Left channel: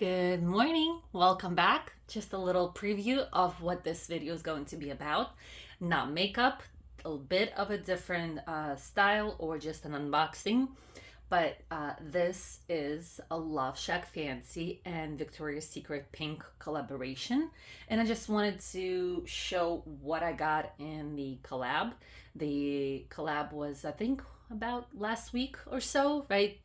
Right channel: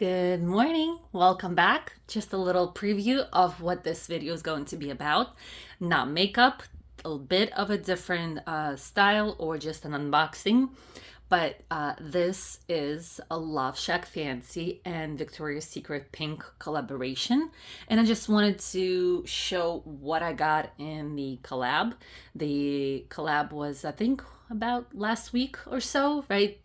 Good morning. Welcome back. Just a little preview of what this video is going to be about. Not makeup, a bit of a different style or just an unboxing. But this is a Love Shack Fancy and Victoria's Secret Pink collaboration. And I just wanted to show what I got in the collab. The collab was, I think, about last week or so, right?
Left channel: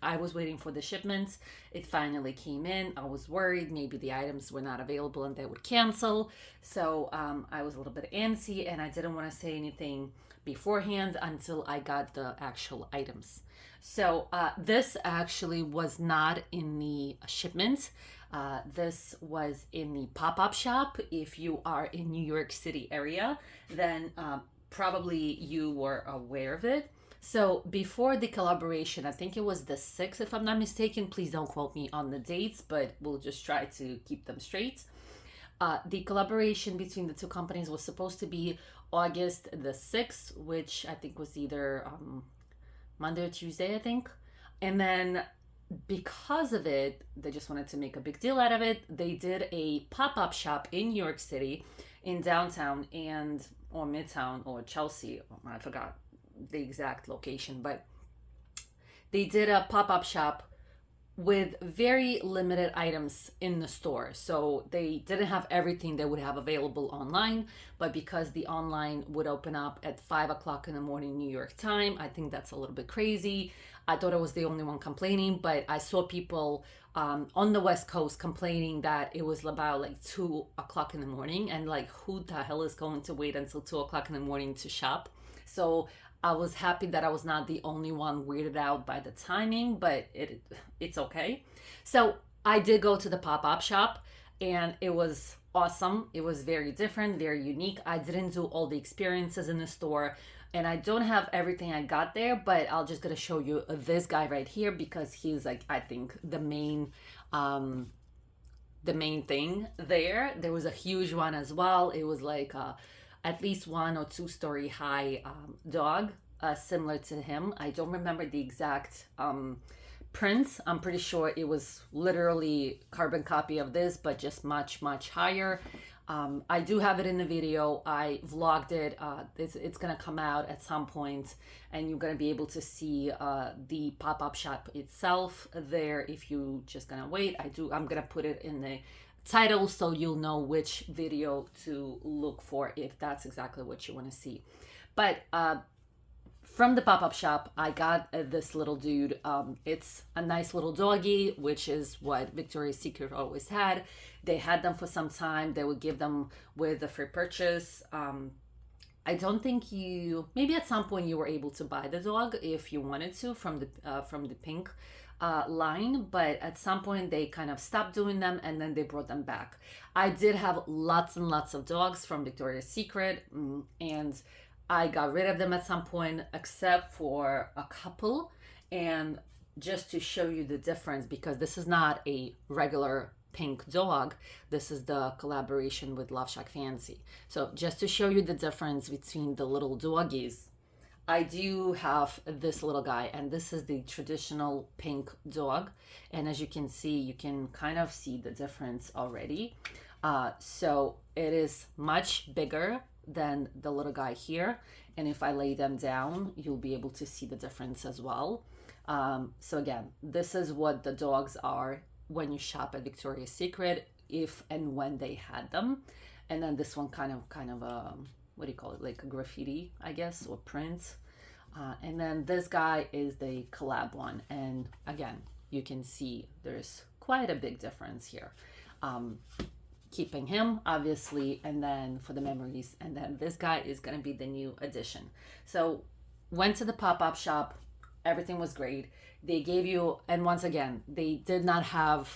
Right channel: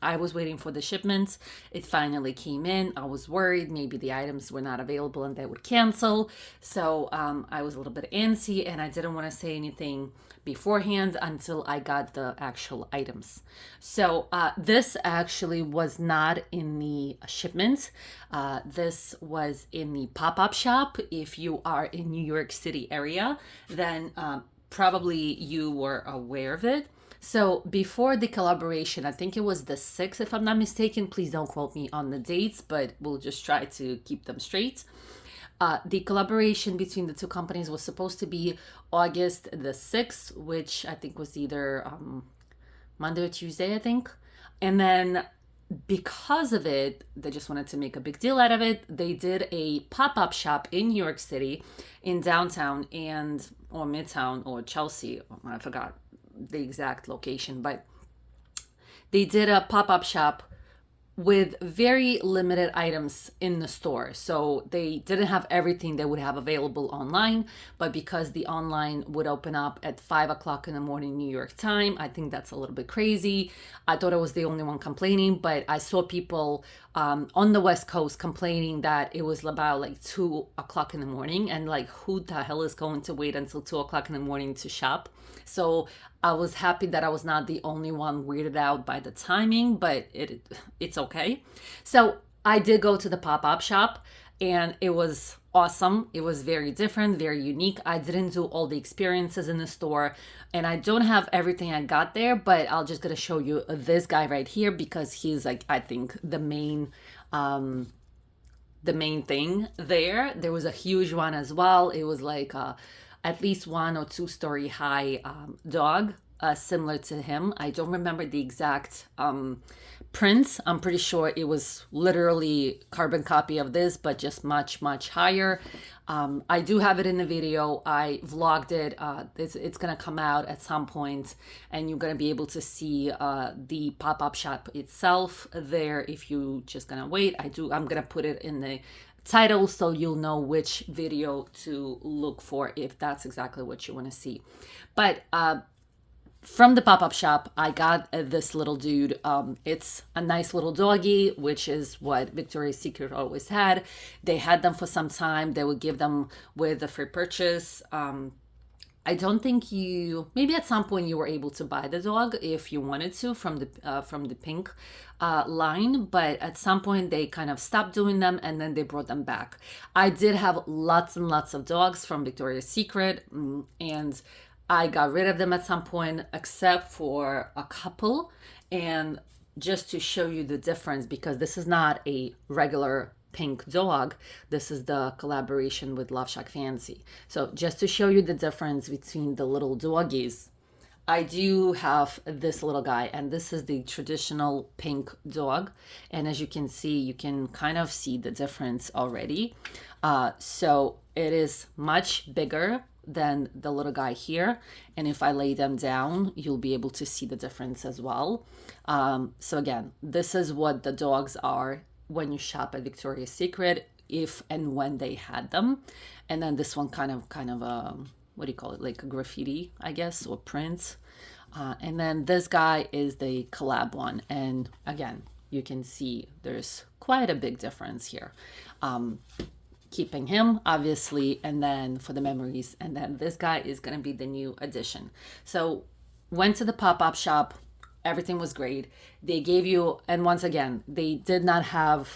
I was waiting for the shipments. It finally came in. I was worried maybe the items were not available and they would cancel. So I was a little bit antsy and I didn't want to say anything beforehand until I got the actual items. So this actually was not in the shipment. This was in the pop-up shop. If you are in New York City area, then probably you were aware of it. So before the collaboration, I think it was the 6th, if I'm not mistaken. Please don't quote me on the dates, but we'll just try to keep them straight. The collaboration between the two companies was supposed to be August the 6th, which I think was either Monday or Tuesday, I think. And then because of it, they just wanted to make a big deal out of it. They did a pop-up shop in New York City, in downtown or Midtown or Chelsea. I forgot the exact location, but they did a pop-up shop with very limited items in the store. So they didn't have everything they would have available online, but because the online would open up at 5 o'clock in the morning New York time, I think that's a little bit crazy. I thought I was the only one complaining, but I saw people on the West Coast complaining that it was about like 2 o'clock in the morning, and like, who the hell is going to wait until 2 o'clock in the morning to shop? So I was happy that I was not the only one weirded out by the timing, but it's okay. So I did go to the pop-up shop and it was awesome. It was very different, very unique. I didn't do all the experiences in the store and I don't have everything I got there, but I'll just gonna show you this guy right here because he's like, I think the main thing there. There was a huge one as well. It was like at least 1 or 2 story high dog, similar to him. I don't remember the exact print. I'm pretty sure it was literally carbon copy of this, but just much, much higher. I do have it in the video. I vlogged it. It's going to come out at some point, and you're going to be able to see the pop-up shop itself there if you just going to wait. I'm going to put it in the title so you'll know which video to look for if that's exactly what you want to see. But from the pop-up shop, I got this little dude. It's a nice little doggy, which is what Victoria's Secret always had. They had them for some time. They would give them with a free purchase. I don't think maybe at some point you were able to buy the dog if you wanted to from the pink line, but at some point they kind of stopped doing them and then they brought them back. I did have lots and lots of dogs from Victoria's Secret, and I got rid of them at some point, except for a couple. And just to show you the difference, because this is not a regular pink dog, this is the collaboration with LoveShackFancy. So just to show you the difference between the little doggies, I do have this little guy, and this is the traditional pink dog. And as you can see, you can kind of see the difference already. So it is much bigger than the little guy here. And if I lay them down, you'll be able to see the difference as well. So again, this is what the dogs are when you shop at Victoria's Secret, if and when they had them. And then this one kind of what do you call it? Like a graffiti, I guess, or print. And then this guy is the collab one. And again, you can see there's quite a big difference here. Keeping him, obviously, and then for the memories. And then this guy is going to be the new addition. So went to the pop-up shop. Everything was great. They gave you, and once again, they did not have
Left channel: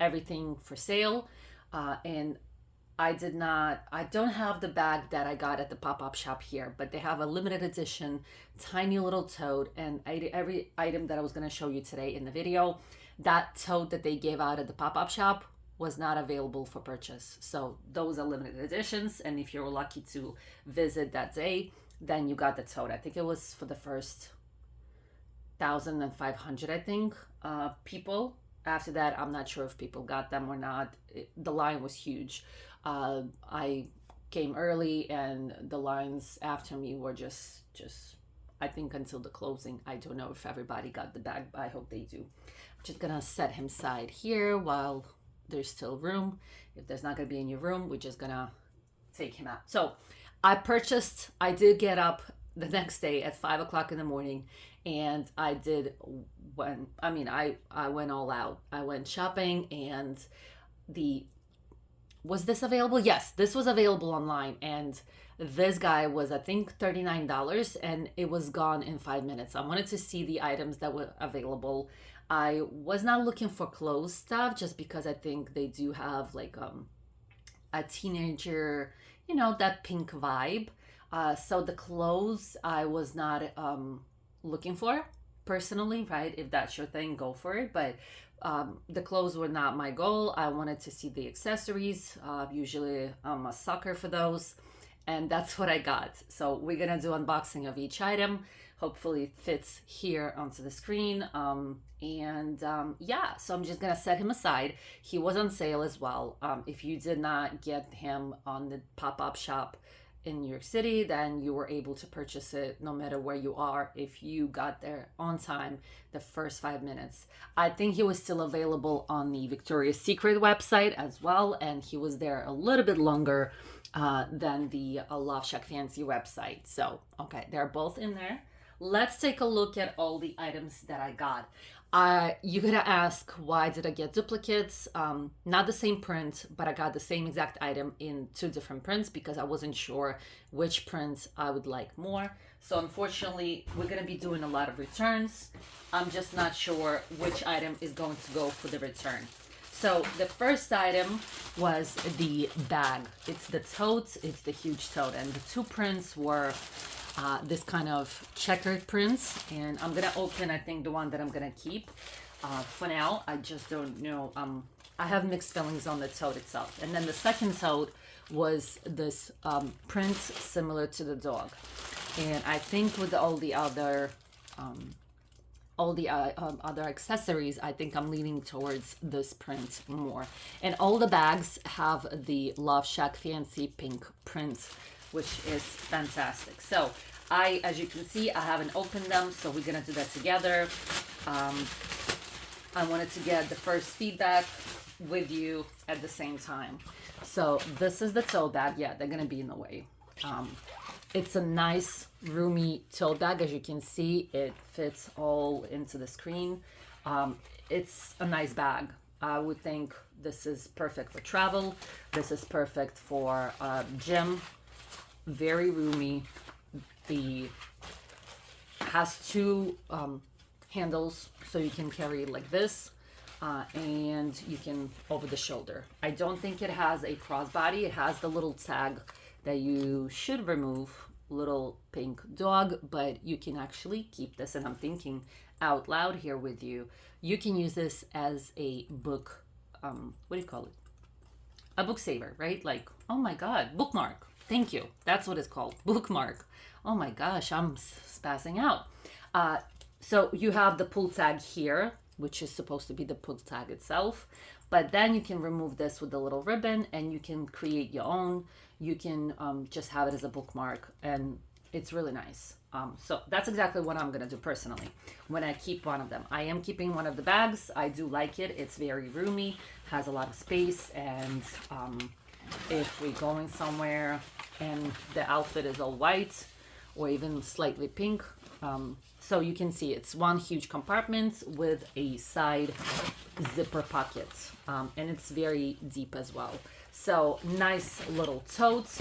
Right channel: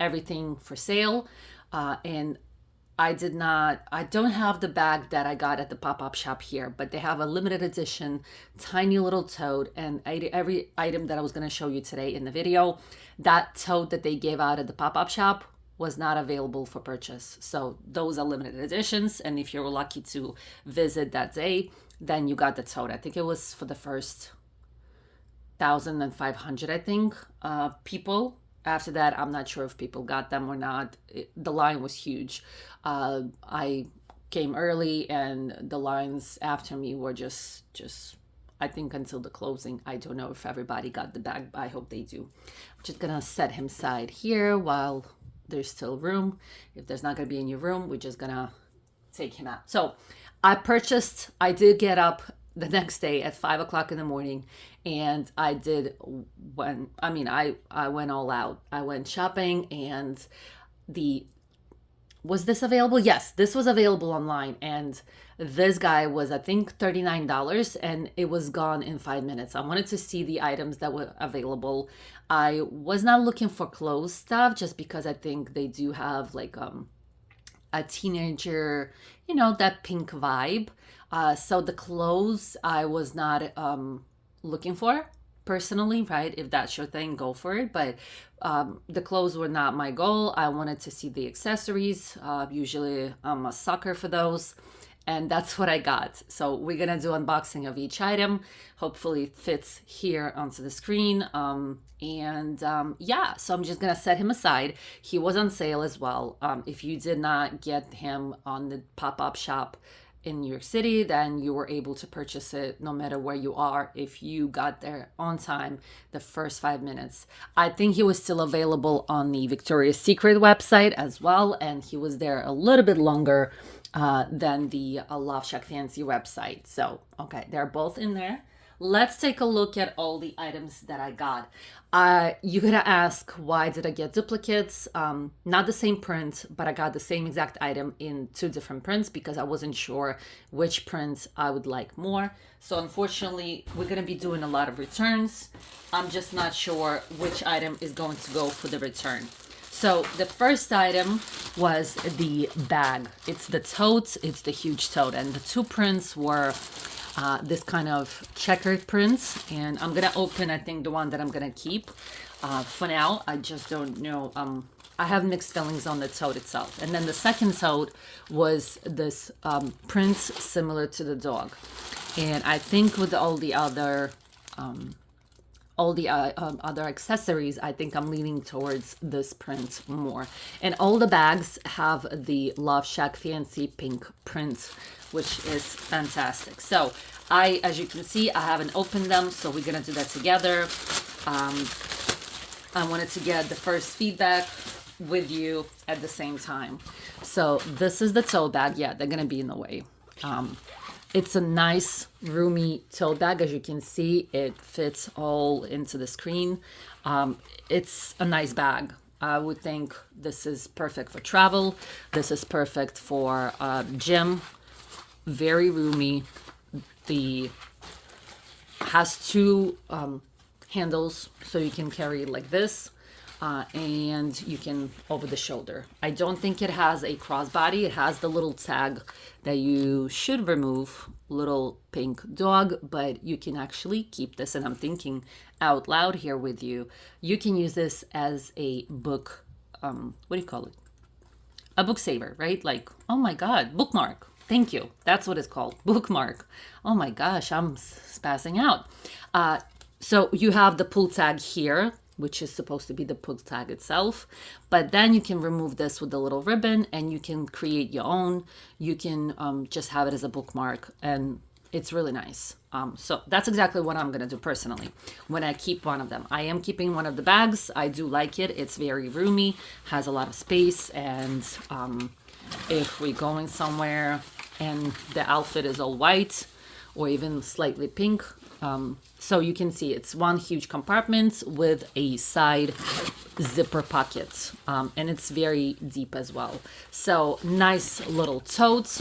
everything for sale. And I don't have the bag that I got at the pop-up shop here, but they have a limited edition, tiny little tote, and every item that I was going to show you today in the video, that tote that they gave out at the pop-up shop was not available for purchase. So those are limited editions, and if you're lucky to visit that day, then you got the tote. I think it was for the first 1,500, I think, people After that, I'm not sure if people got them or not. The line was huge. I came early, and the lines after me were just I think until the closing. I don't know if everybody got the bag, but I hope they do. I'm just gonna set him aside here while there's still room. If there's not gonna be any room, we're just gonna take him out. So I did get up the next day at 5 o'clock in the morning, and I did when I mean I went all out. I went shopping, and the was this available? Yes, this was available online, and this guy was, I think, $39, and it was gone in 5 minutes. I wanted to see the items that were available. I was not looking for clothes stuff just because I think they do have like a teenager, that pink vibe. So the clothes I was not looking for personally, right? If that's your thing, go for it. But the clothes were not my goal. I wanted to see the accessories. Usually I'm a sucker for those. And that's what I got. So we're going to do unboxing of each item. Hopefully it fits here onto the screen. Yeah, so I'm just going to set him aside. He was on sale as well. If you did not get him on the pop-up shop in New York City, then you were able to purchase it no matter where you are if you got there on time the first 5 minutes. I think he was still available on the Victoria's Secret website as well, and he was there a little bit longer than the LoveShackFancy website. So, okay, they're both in there. Let's take a look at all the items that I got. You're gonna ask, why did I get duplicates? Not the same print, but I got the same exact item in two different prints because I wasn't sure which print I would like more. So unfortunately, we're gonna be doing a lot of returns. I'm just not sure which item is going to go for the return. So the first item was the bag. It's the tote, it's the huge tote, and the two prints were this kind of checkered prints, and I'm gonna open, I think, the one that I'm gonna keep for now. I just don't know. I have mixed feelings on the tote itself. And then the second tote was this print similar to the dog, and I think with all the other other accessories, I think I'm leaning towards this print more. And all the bags have the LoveShackFancy pink print, which is fantastic. So as you can see, I haven't opened them, so we're gonna do that together. I wanted to get the first feedback with you at the same time. So this is the tote bag. Yeah, they're gonna be in the way. It's a nice roomy tote bag. As you can see, it fits all into the screen. It's a nice bag. I would think this is perfect for travel. This is perfect for gym. Very roomy. The has two handles, so you can carry it like this, and you can over the shoulder. I don't think it has a crossbody. It has the little tag that you should remove, little pink dog, but you can actually keep this. And I'm thinking out loud here with you. You can use this as a book. What do you call it? A book saver, right? Like, oh my God, bookmark. Thank you. That's what it's called. Bookmark. Oh my gosh, I'm spazzing out. So you have the pull tag here, which is supposed to be the pull tag itself. But then you can remove this with a little ribbon and you can create your own. You can just have it as a bookmark, and it's really nice. So that's exactly what I'm going to do personally when I keep one of them. I am keeping one of the bags. I do like it. It's very roomy, has a lot of space, and if we're going somewhere and the outfit is all white or even slightly pink, so you can see it's one huge compartment with a side zipper pocket, and it's very deep as well. So nice little tote.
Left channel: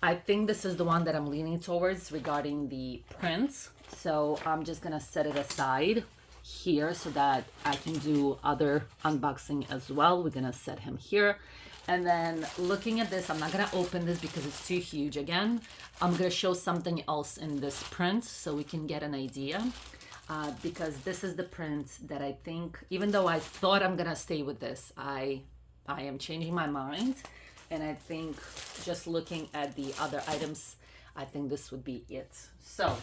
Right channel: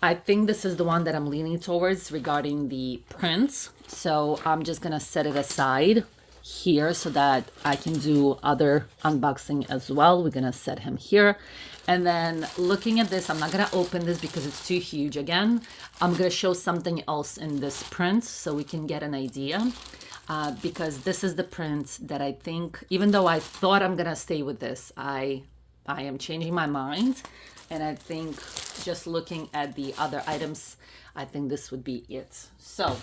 I think this is the one that I'm leaning towards regarding the prints. So I'm just gonna set it aside here so that I can do other unboxing as well. We're gonna set him here. And then looking at this, I'm not gonna open this because it's too huge again. I'm gonna show something else in this print so we can get an idea. Because this is the print that I think, even though I thought I'm gonna stay with this, I am changing my mind. And I think just looking at the other items, I think this would be it. So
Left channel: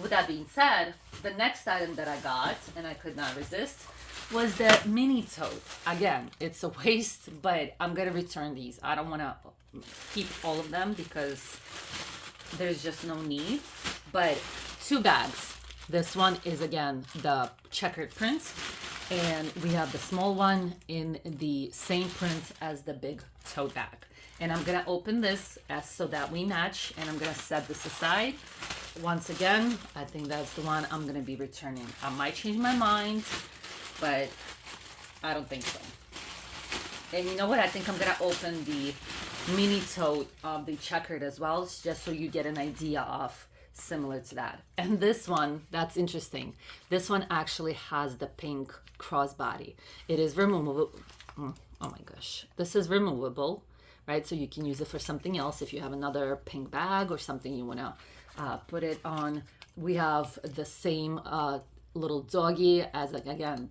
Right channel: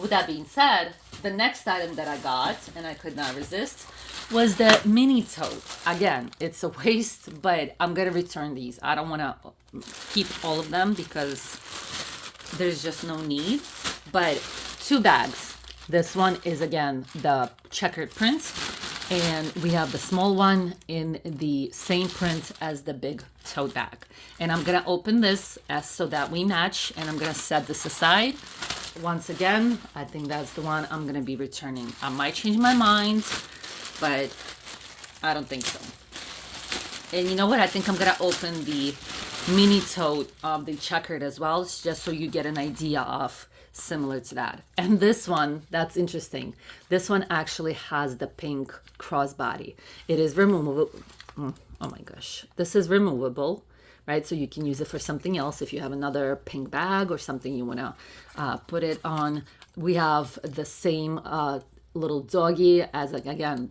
With that being said, the next item that I got, and I could not resist, was the mini tote. Again, it's a waste, but I'm gonna return these. I don't wanna keep all of them because there's just no need. But 2 bags. This one is again the checkered print, and we have the small one in the same print as the big tote bag. And I'm gonna open this as so that we match, and I'm gonna set this aside. Once again, I think that's the one I'm gonna be returning. I might change my mind, but I don't think so. And you know what? I think I'm gonna open the mini tote of the checkered as well, just so you get an idea of similar to that. And this one, that's interesting. This one actually has the pink crossbody. It is removable. Oh my gosh. This is removable, right? So you can use it for something else if you have another pink bag or something you want to put it on. We have the same little doggy as, like, again,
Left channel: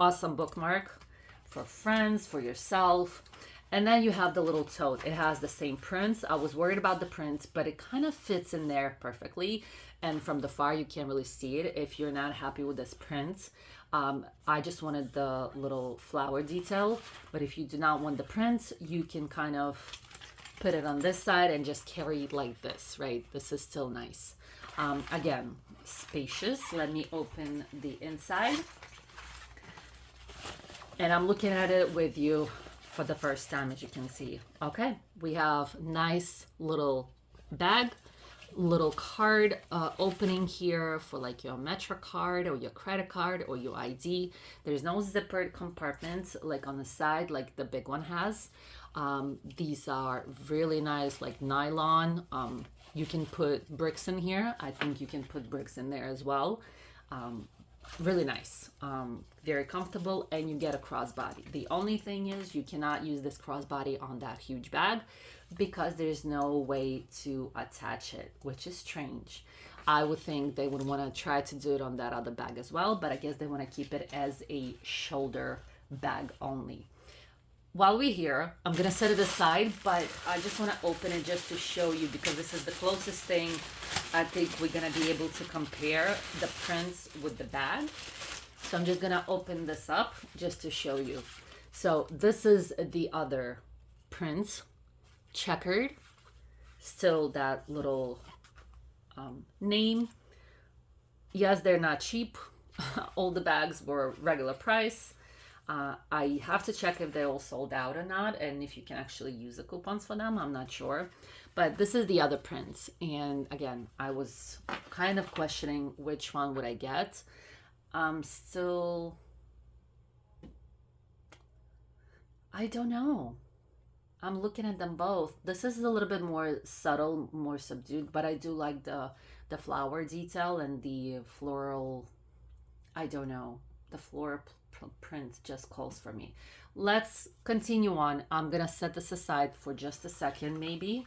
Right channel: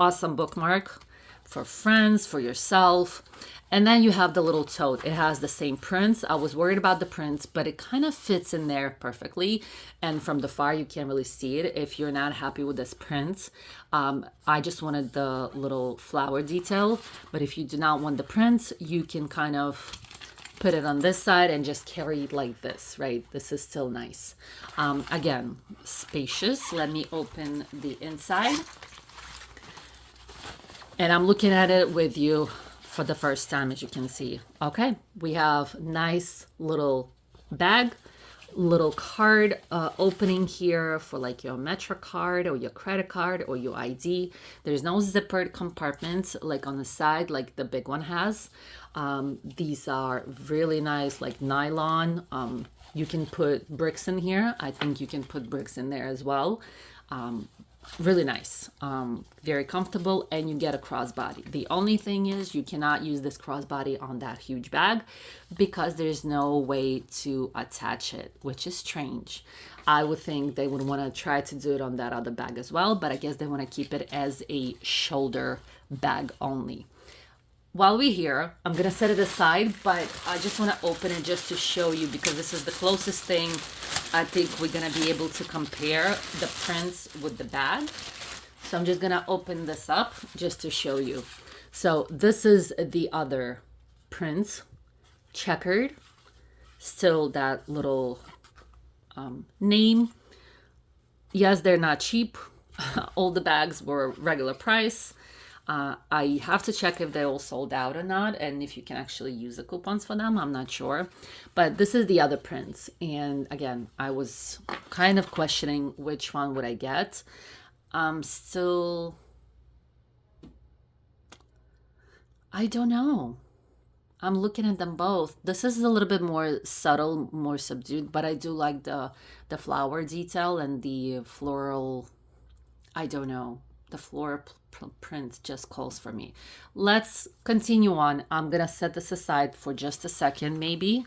awesome bookmark for friends, for yourself. And then you have the little tote. It has the same prints. I was worried about the prints, but it kind of fits in there perfectly. And from the far, you can't really see it if you're not happy with this print. I just wanted the little flower detail. But if you do not want the prints, you can kind of put it on this side and just carry it like this, right? This is still nice. Again, spacious. Let me open the inside. And I'm looking at it with you for the first time, as you can see. Okay, we have nice little bag, little card opening here for like your Metro card or your credit card or your ID. There's no zippered compartments like on the side like the big one has. These are really nice, like nylon. You can put bricks in here. I think you can put bricks in there as well. Really nice, very comfortable, and you get a crossbody. The only thing is you cannot use this crossbody on that huge bag because there's no way to attach it, which is strange. I would think they would want to try to do it on that other bag as well, but I guess they want to keep it as a shoulder bag only. While we're here, I'm gonna set it aside, but I just want to open it just to show you because this is the closest thing I think we're gonna be able to compare the prints with the bag. So I'm just gonna open this up just to show you. So this is the other print, checkered, still that little name. Yes, they're not cheap. All the bags were regular price. I have to check if they're all sold out or not, and if you can actually use the coupons for them. I'm not sure. But this is the other prints. And again, I was kind of questioning which one would I get. Still, I don't know. I'm looking at them both. This is a little bit more subtle, more subdued, but I do like the flower detail and the floral, I don't know, the floral print just calls for me. Let's continue on. I'm gonna set this aside for just a second, maybe.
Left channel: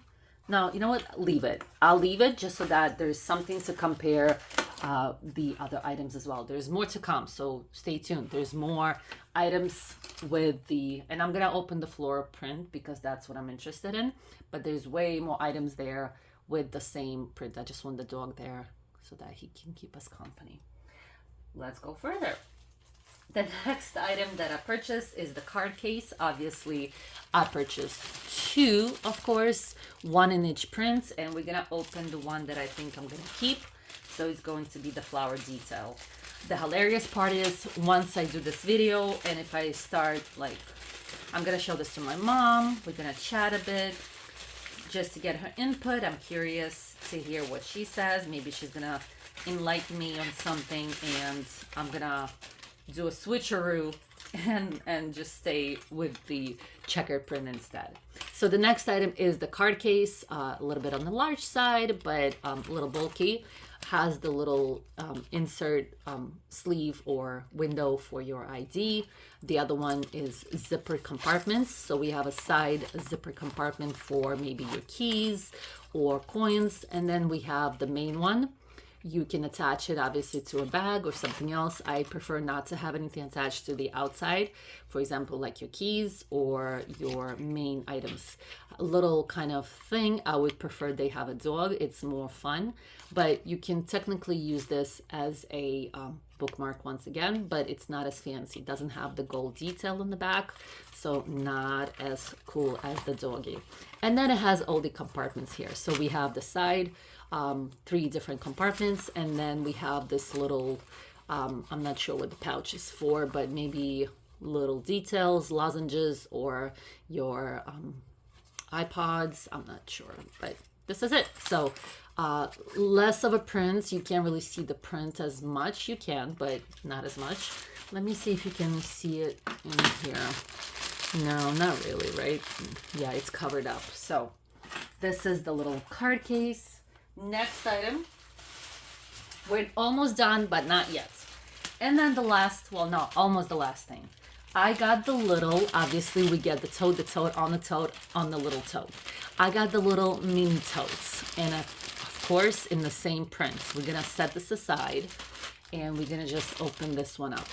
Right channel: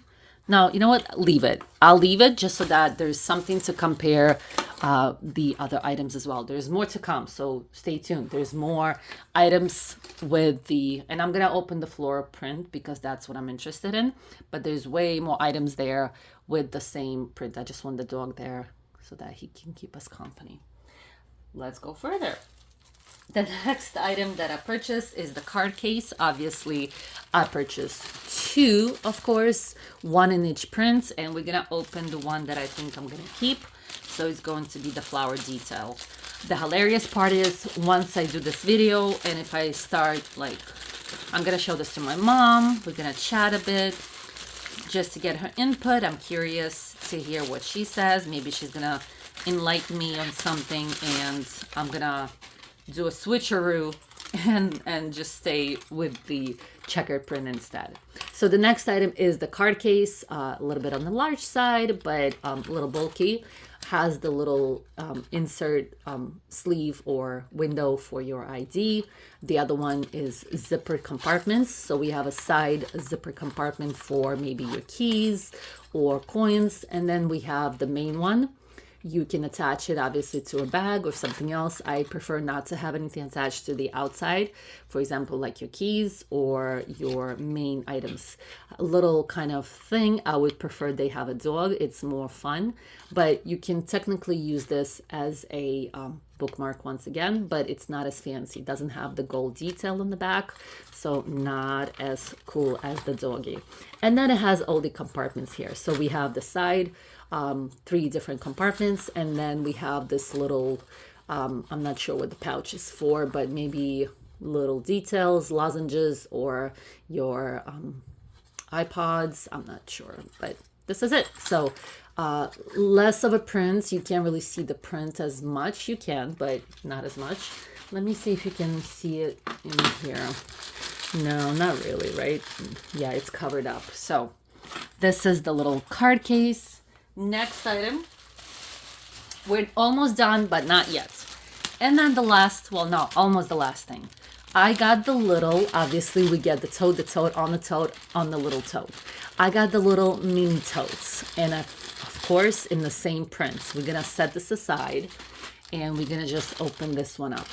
No, you know what? Leave it. I'll leave it just so that there's something to compare the other items as well. There's more to come, so stay tuned. There's more items with the, and I'm gonna open the floral print because that's what I'm interested in. But there's way more items there with the same print. I just want the dog there so that he can keep us company. Let's go further. The next item that I purchased is the card case. Obviously, I purchased 2, of course, 1 in each print, and we're gonna open the one that I think I'm gonna keep. So it's going to be the flower detail. The hilarious part is once I do this video, and if I start, like, I'm gonna show this to my mom, we're gonna chat a bit just to get her input. I'm curious to hear what she says. Maybe she's gonna enlighten me on something, and I'm gonna do a switcheroo and just stay with the checkered print instead. So the next item is the card case, a little bit on the large side, but a little bulky. Has the little insert sleeve or window for your ID. The other one is zippered compartments. So we have a side zipper compartment for maybe your keys or coins. And then we have the main one. You can attach it obviously to a bag or something else. I prefer not to have anything attached to the outside. For example, like your keys or your main items. A little kind of thing, I would prefer they have a dog. It's more fun, but you can technically use this as a bookmark once again, but it's not as fancy. It doesn't have the gold detail on the back, so not as cool as the doggy. And then it has all the compartments here. So we have the side, 3 different compartments, and then we have this little, I'm not sure what the pouch is for, but maybe little details, lozenges, or your iPods. I'm not sure, but this is it. So less of a print. You can't really see the print as much. You can, but not as much. Let me see if you can see it in here. No, not really, right? Yeah, it's covered up. So this is the little card case. Next item. We're almost done, but not yet. And then the last, well, no, almost the last thing. I got the little, obviously we get the tote on the little tote. I got the little mini totes. And of course, in the same print. We're going to set this aside and we're going to just open this one up.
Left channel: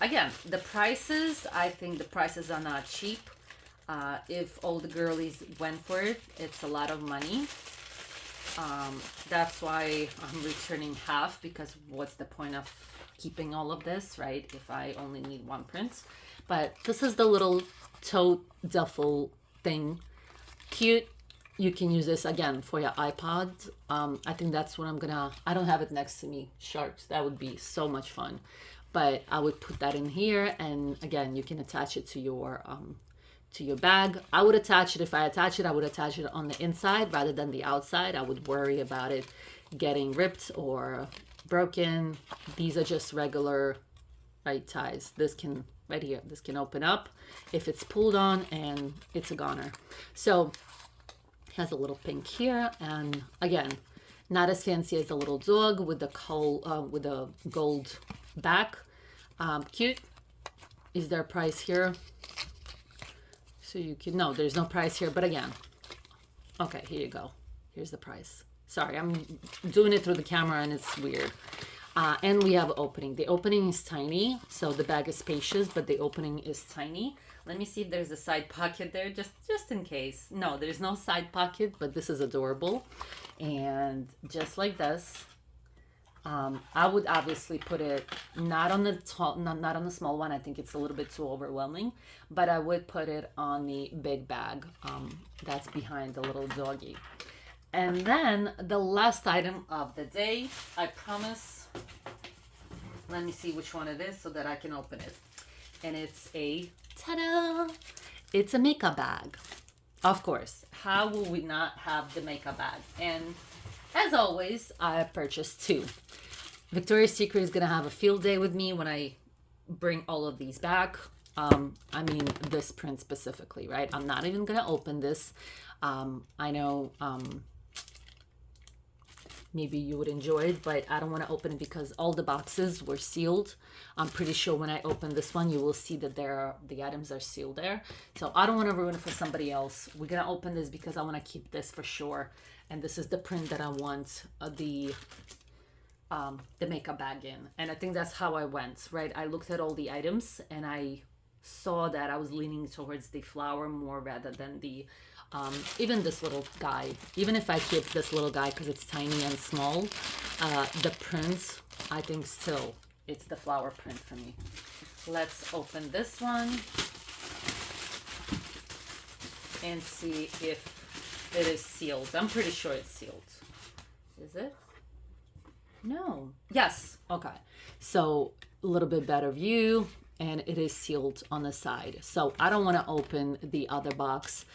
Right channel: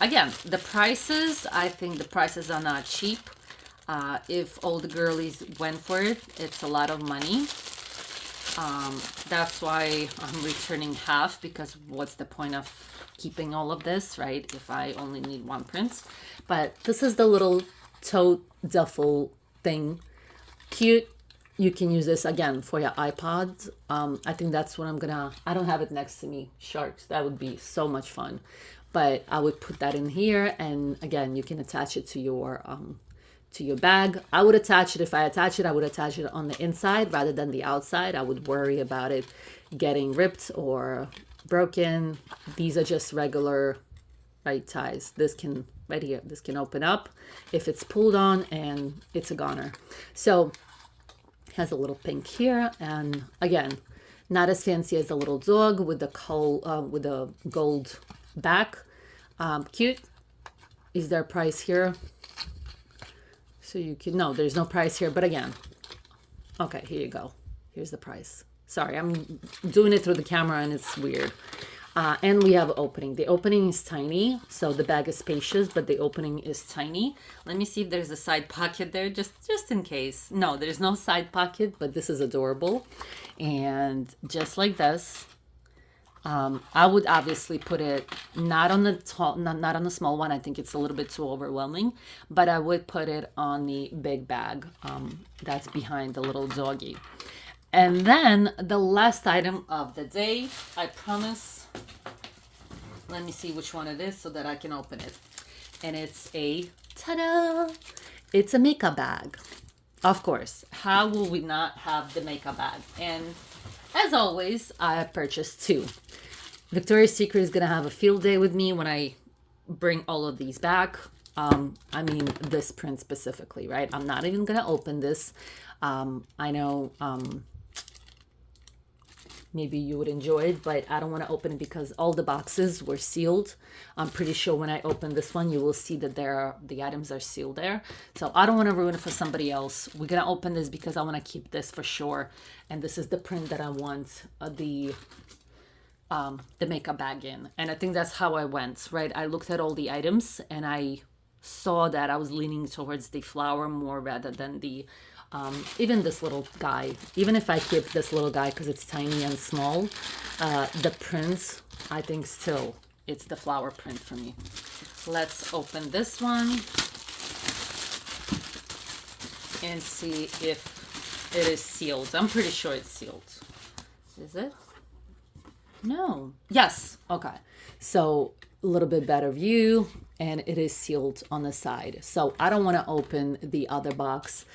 Again, the prices, I think the prices are not cheap. If all the girlies went for it, it's a lot of money. That's why I'm returning half, because what's the point of keeping all of this, right? If I only need one print. But this is the little tote duffel thing. Cute. You can use this again for your iPod. I think that's what I don't have it next to me. Sharks, that would be so much fun. But I would put that in here, and again, you can attach it to your bag. I would attach it, if I attach it, I would attach it on the inside rather than the outside. I would worry about it getting ripped or broken. These are just regular right ties. This can, right here, this can open up if it's pulled on, and it's a goner. So has a little pink here, and again, not as fancy as the little dog with the gold back. Cute. Is there a price here? So you can, no, there's no price here, but again, okay, here you go. Here's the price. Sorry, I'm doing it through the camera and it's weird. And we have opening. The opening is tiny, so the bag is spacious, but the opening is tiny. Let me see if there's a side pocket there, just in case. No, there's no side pocket, but this is adorable. And just like this, I would obviously put it not on the tall, not on the small one. I think it's a little bit too overwhelming, but I would put it on the big bag that's behind the little doggy. And then the last item of the day, I promise. Let me see which one it is so that I can open it. And it's a, ta-da! It's a makeup bag. Of course, how will we not have the makeup bag? And as always, I purchased 2. Victoria's Secret is going to have a field day with me when I bring all of these back. I mean, this print specifically, right? I'm not even going to open this. I know maybe you would enjoy it, but I don't want to open it because all the boxes were sealed. I'm pretty sure when I open this one, you will see that the items are sealed there. So I don't want to ruin it for somebody else. We're going to open this because I want to keep this for sure. And this is the print that I want the makeup bag in. And I think that's how I went, right? I looked at all the items and I saw that I was leaning towards the flower more rather than the even this little guy. Even if I keep this little guy because it's tiny and small, the print, I think still it's the flower print for me. Let's open this one and see if it is sealed. I'm pretty sure it's sealed. Is it? No. Yes. Okay. So a little bit better view, and it is sealed on the side. So I don't want to open the other box.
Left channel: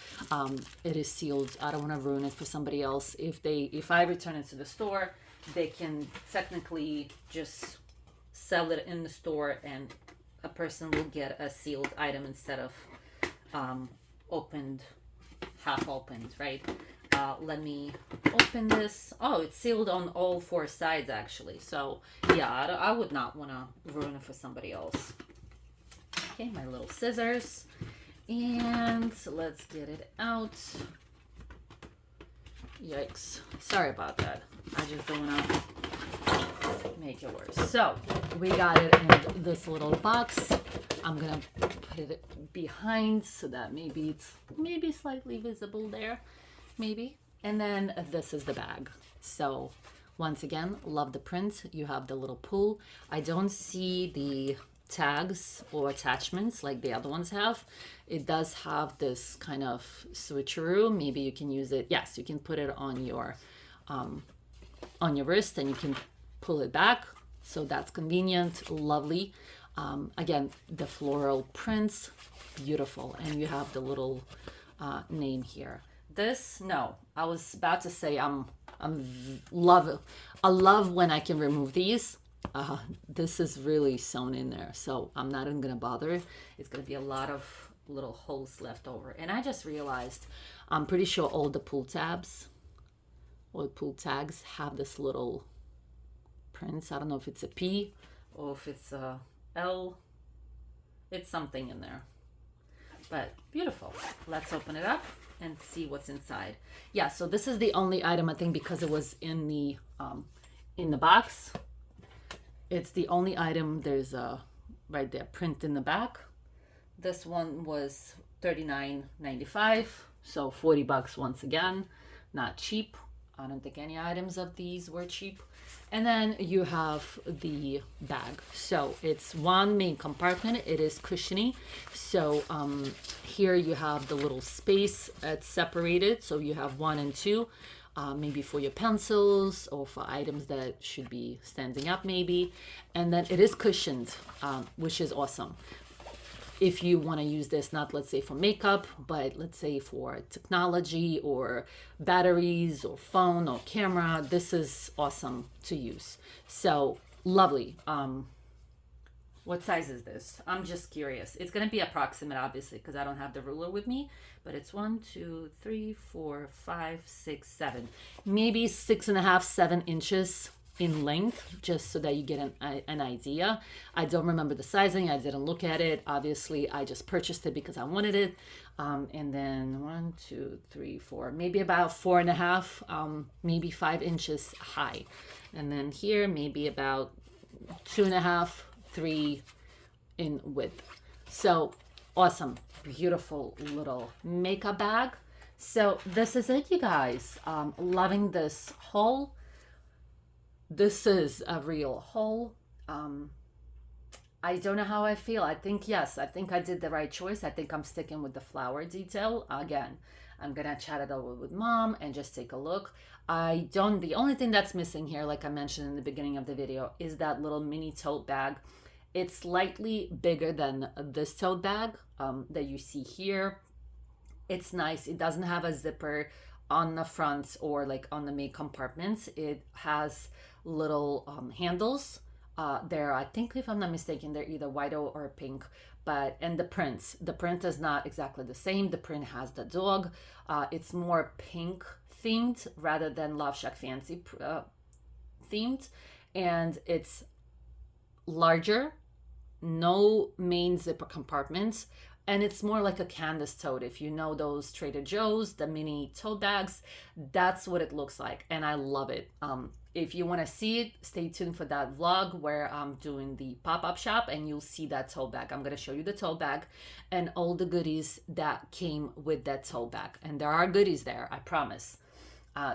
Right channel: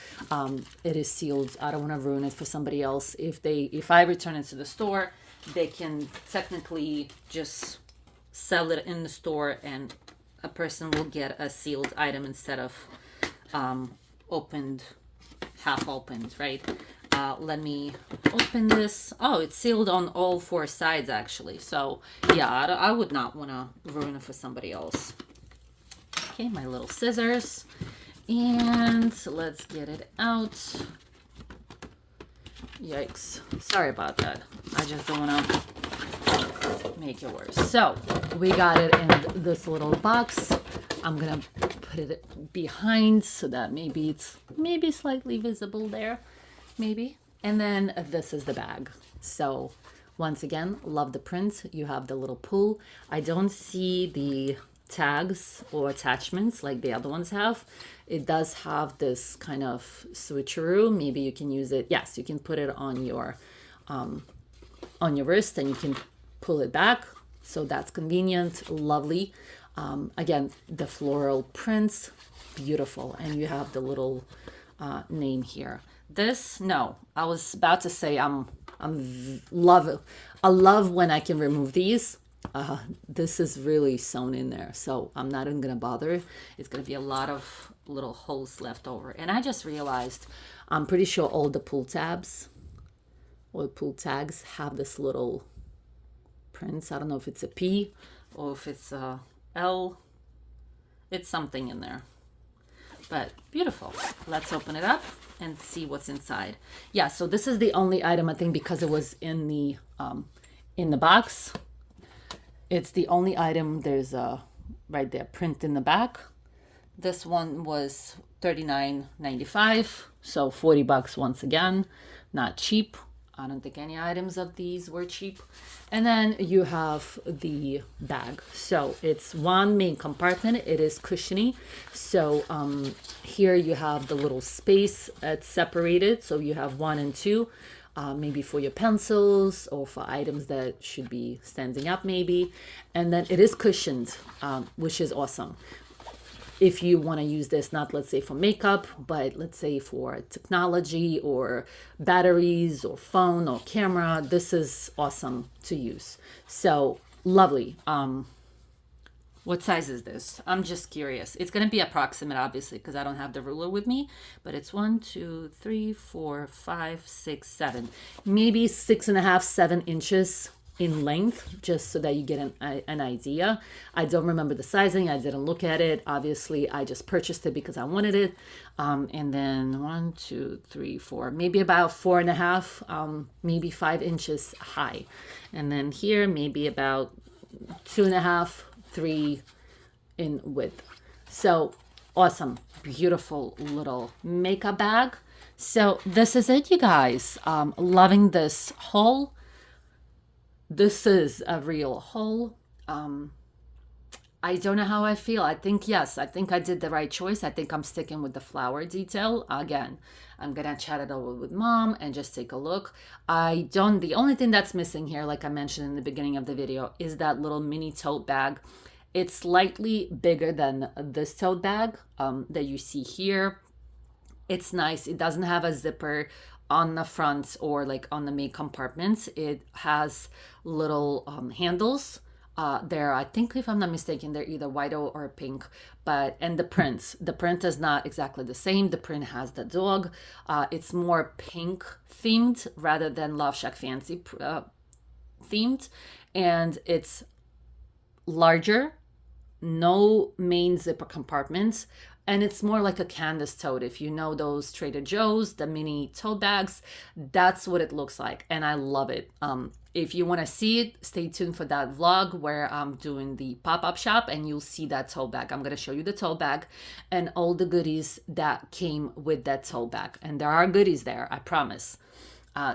It is sealed. I don't want to ruin it for somebody else. If I return it to the store, they can technically just sell it in the store, and a person will get a sealed item instead of opened, half opened, right? Let me open this. Oh, it's sealed on all 4 sides actually. So yeah, I would not want to ruin it for somebody else. Okay, my little scissors, and let's get it out. Yikes, sorry about that. I just don't want to make it worse. So we got it in this little box. I'm gonna put it behind so that maybe it's slightly visible there, maybe. And then this is the bag. So once again, love the print. You have the little pull. I don't see the tags or attachments like the other ones have. It does have this kind of switcheroo. Maybe you can use it. Yes, you can put it on your wrist and you can pull it back. So that's convenient, lovely. Again, the floral prints, beautiful. And you have the little name here. This, no, I was about to say I love when I can remove these. This is really sewn in there, so I'm not even gonna bother. It's gonna be a lot of little holes left over. And I just realized, I'm pretty sure all the pull tabs or pull tags have this little prints. I don't know if it's a P or if it's a L. It's something in there, but beautiful. Let's open it up and see what's inside. Yeah, so this is the only item, I think, because it was in the box. It's the only item. There's a right there print in the back. This one was $39.95, so $40 once again. Not cheap. I don't think any items of these were cheap. And then you have the bag. So it's one main compartment. It is cushiony. So here you have the little space. It's separated. So you have 1 and 2, maybe for your pencils or for items that should be standing up maybe. And then it is cushioned, which is awesome. If you want to use this, not let's say for makeup, but let's say for technology or batteries or phone or camera, this is awesome to use. So lovely. What size is this? I'm just curious. It's going to be approximate, obviously, because I don't have the ruler with me, but it's 1, 2, 3, 4, 5, 6, 7, maybe 6.5, 7 inches in length, just so that you get an idea. I don't remember the sizing. I didn't look at it. Obviously, I just purchased it because I wanted it. And then 1, 2, 3, 4, maybe about 4.5, maybe 5 inches high. And then here, maybe about 2.5, 3 in width. So awesome, beautiful little makeup bag. So this is it, you guys. Loving this haul. This is a real haul. I don't know how I feel. I think, yes, I think I did the right choice. I think I'm sticking with the flower detail. Again, I'm going to chat it over with mom and just take a look. The only thing that's missing here, like I mentioned in the beginning of the video, is that little mini tote bag. It's slightly bigger than this tote bag that you see here. It's nice. It doesn't have a zipper on the front or like on the main compartments. It has little handles. They're, I think, if I'm not mistaken, they're either white or pink. And the print is not exactly the same. The print has the dog. It's more pink themed rather than LoveShackFancy themed, and it's larger, no main zipper compartments, and it's more like a canvas tote. If you know those Trader Joe's, the mini tote bags, that's what it looks like, and I love it. If you want to see it, stay tuned for that vlog where I'm doing the pop-up shop, and you'll see that tote bag. I'm going to show you the tote bag and all the goodies that came with that tote bag, and there are goodies there, I promise.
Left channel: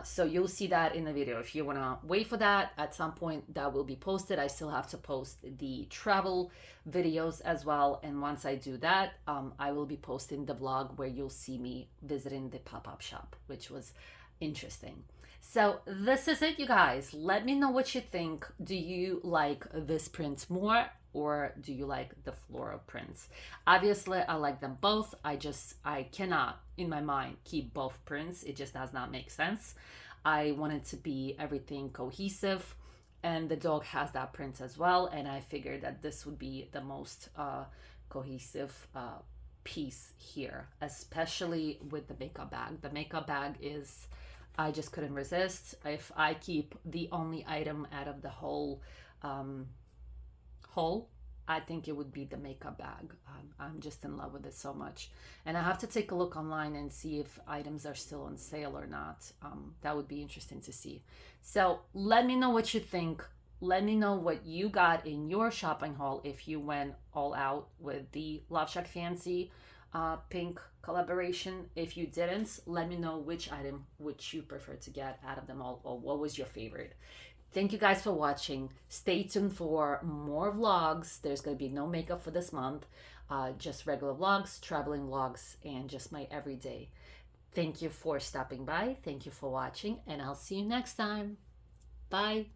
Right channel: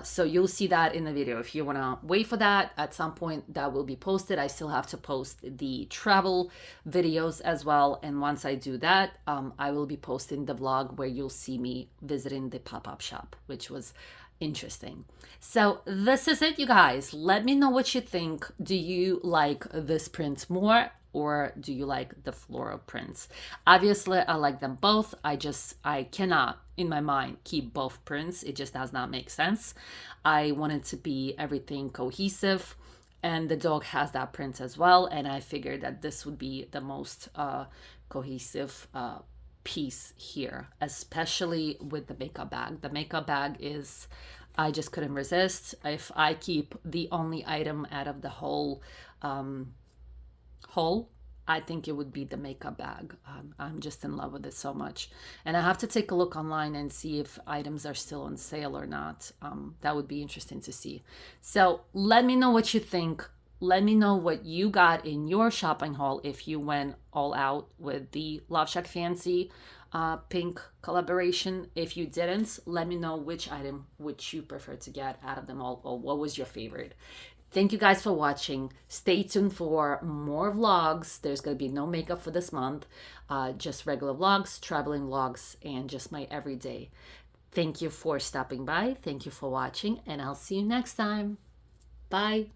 So you'll see that in the video. If you want to wait for that, at some point that will be posted. I still have to post the travel videos as well, and once I do that, I will be posting the vlog where you'll see me visiting the pop-up shop, which was interesting. So this is it, you guys. Let me know what you think. Do you like this print more, or do you like the floral prints? Obviously, I like them both. I cannot, in my mind, keep both prints. It just does not make sense. I want it to be everything cohesive, and the dog has that print as well, and I figured that this would be the most cohesive piece here, especially with the makeup bag. The makeup bag is, I just couldn't resist. If I keep the only item out of the whole I think it would be the makeup bag. I'm just in love with it so much, and I have to take a look online and see if items are still on sale or not. That would be interesting to see. So let me know what you think. Let me know what you got in your shopping haul if you went all out with the Love Shack Fancy pink collaboration. If you didn't, let me know which item which you prefer to get out of them all, or what was your favorite. Thank you guys for watching. Stay tuned for more vlogs. There's going to be no makeup for this month, just regular vlogs, traveling vlogs, and just my everyday. Thank you for stopping by. Thank you for watching, and I'll see you next time. Bye.